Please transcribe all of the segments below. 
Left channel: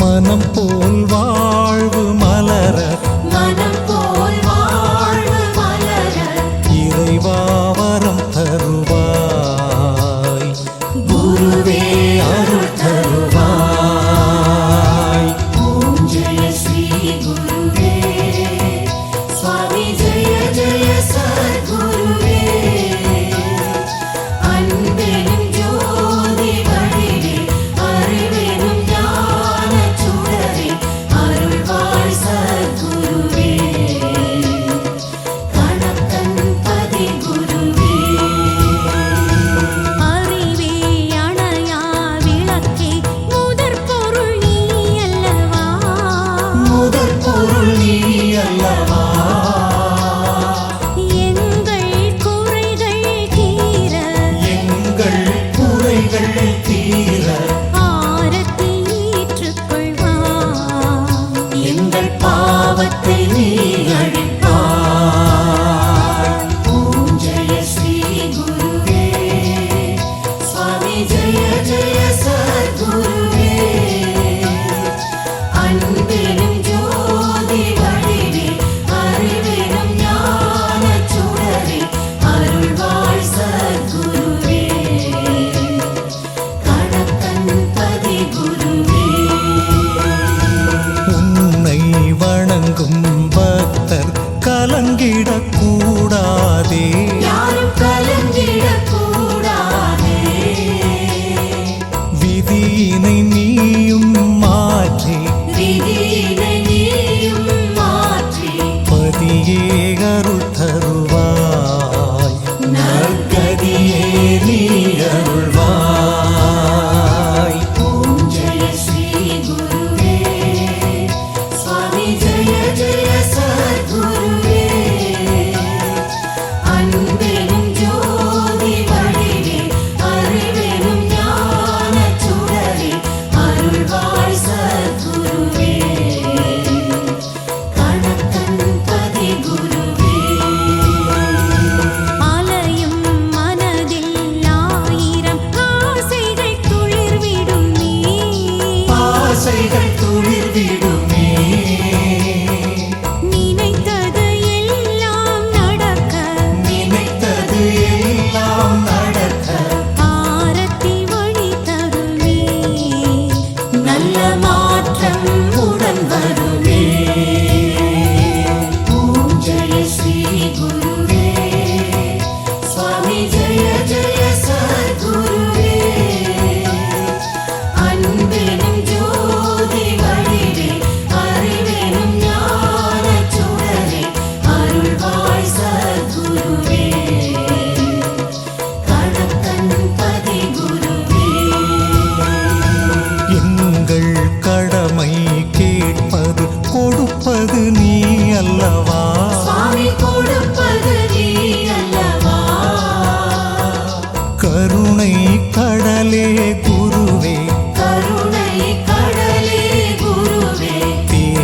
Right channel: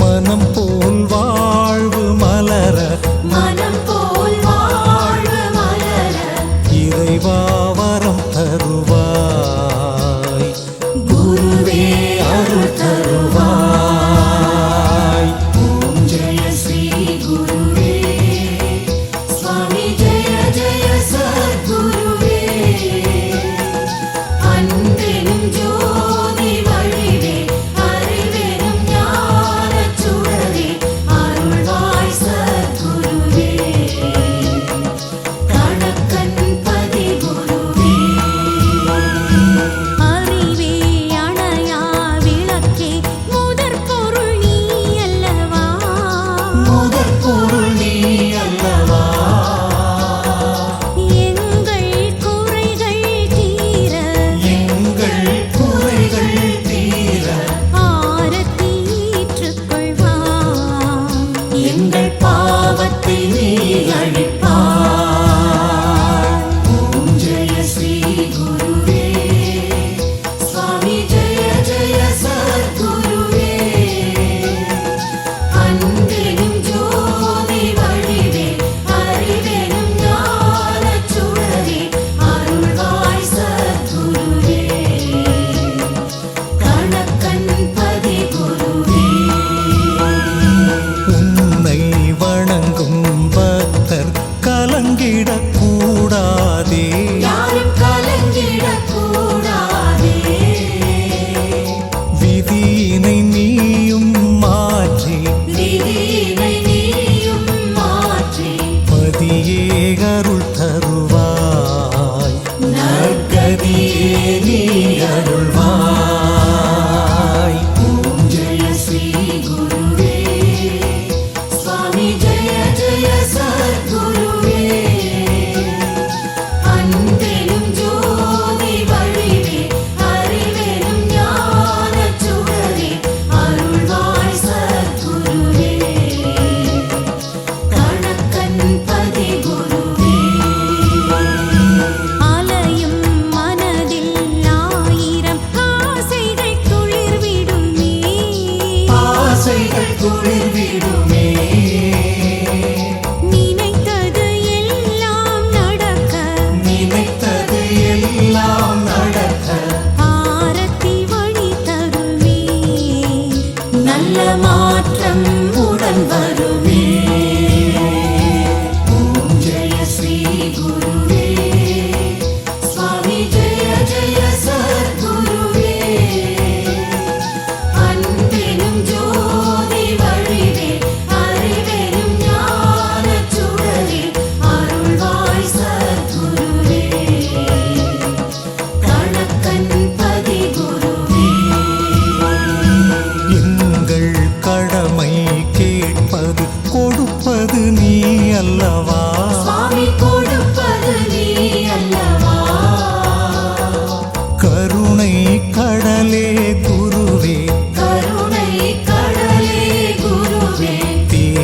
மனம் போல் வாழ்வு மலர. மனம் போல் வாழ்வு மலர. இறைவாவரம் தருவாய். குருவே அருள் தருவாய். எங்கள் பாவத்தை நீ அழிப்பார் ஆசைகள் துளிர் விடும்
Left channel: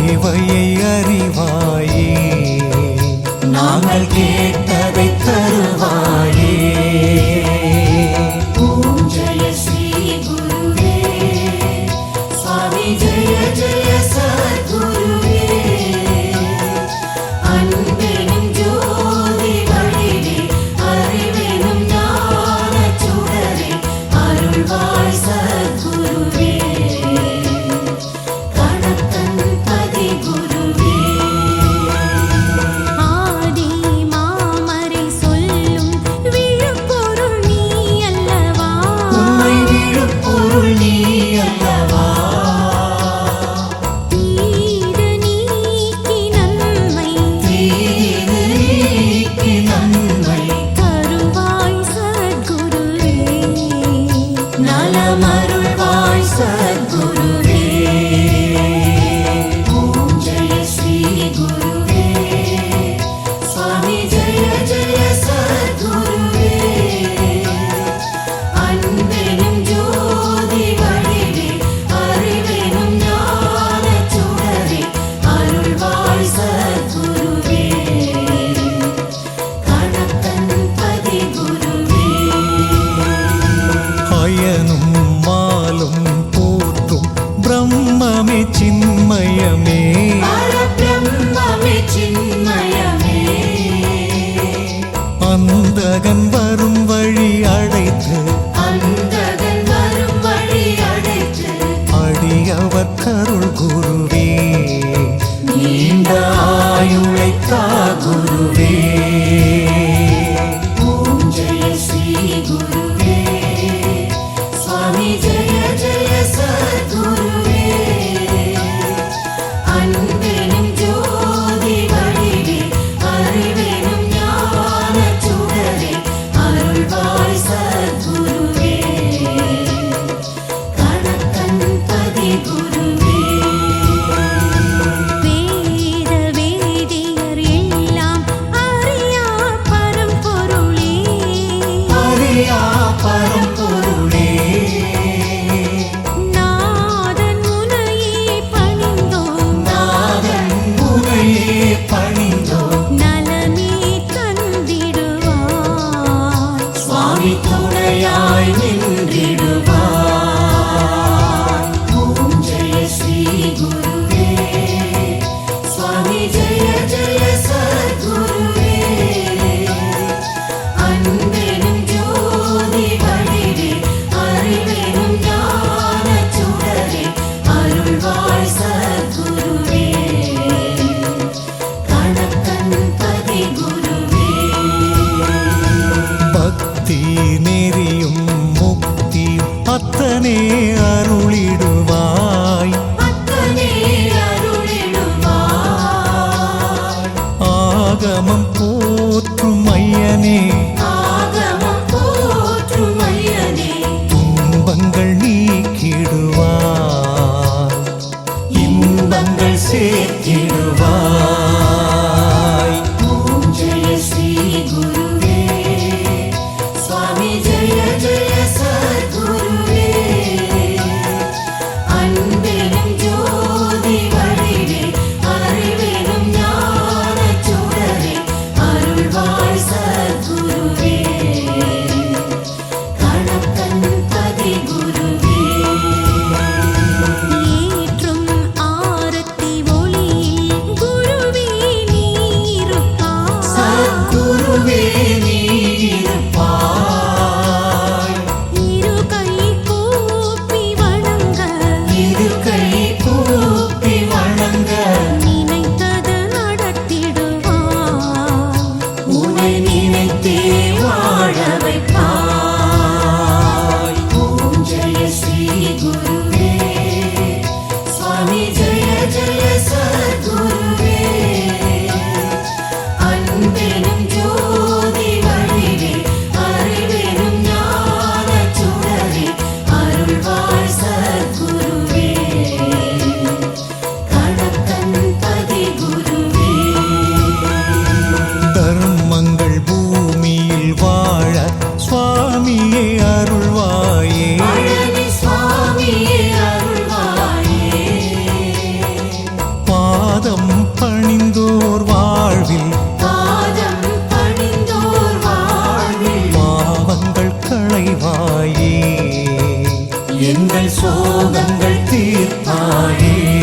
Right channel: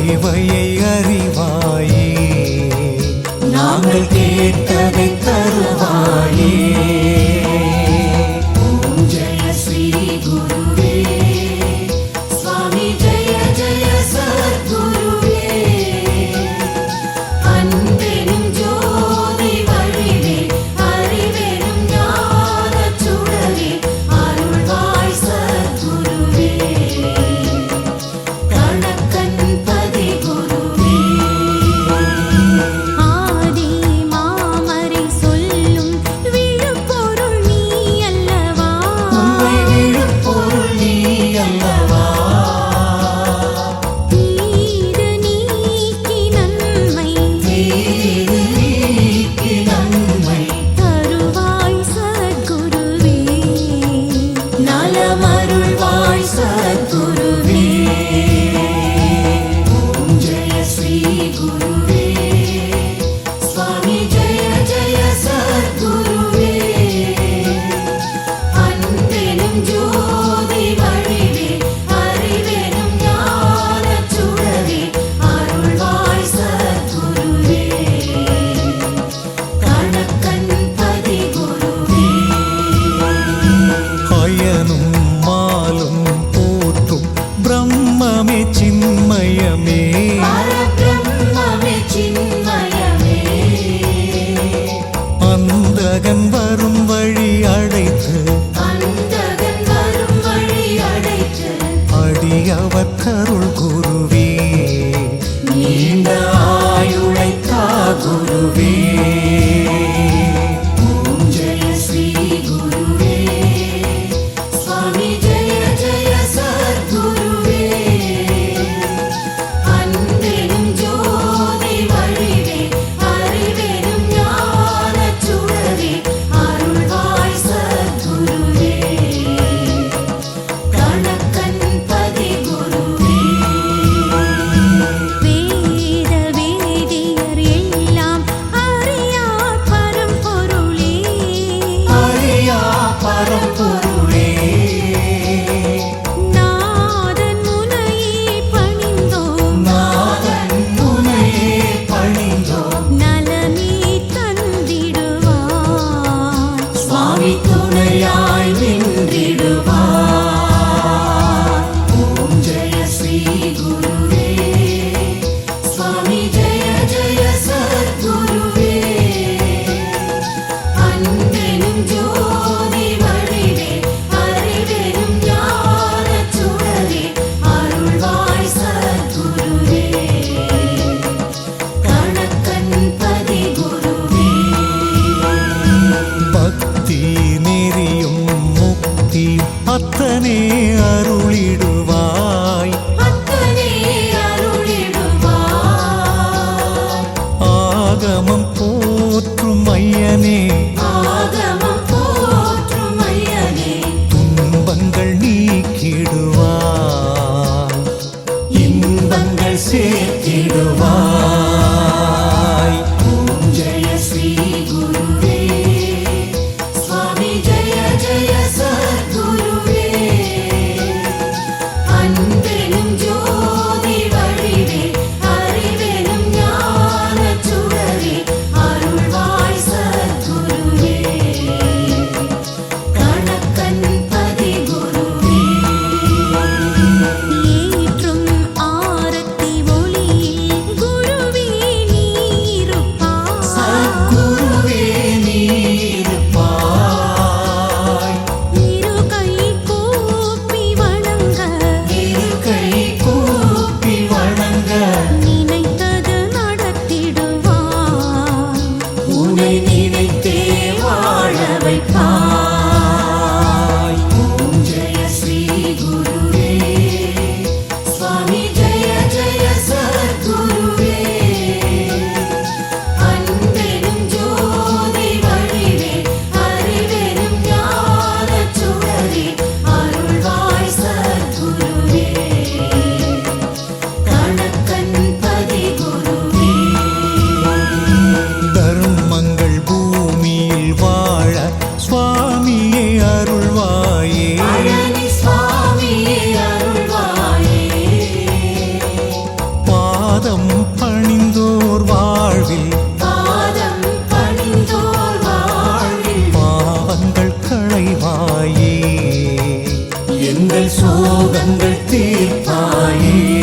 தேவையை அறிவாயே. நாங்கள் கேட்டதை தருவாயே. மாயனும் மாலும் போற்றும் பிரம்மமே சின்மயமே. அந்தகன் வரும் வழி அடைத்து அடியவர் கருள் குருவே. நீண்ட ஆயுளைத்தா குருவே. தீ நெறியும் முக்தி அத்தனே அருளிடுவாய். ஆகமம் போற்றும் ஐயனே. துன்பங்கள் நீக்கிடுவாய். இன்பங்கள் சேர்த்திடுவாய். சுவாமியே அருள்வாயே. பாதம் பணிந்தோர் வாழ்வில். பாவங்கள் களைவாயே. எங்கள் சோகங்கள் தீர்ப்பாயே.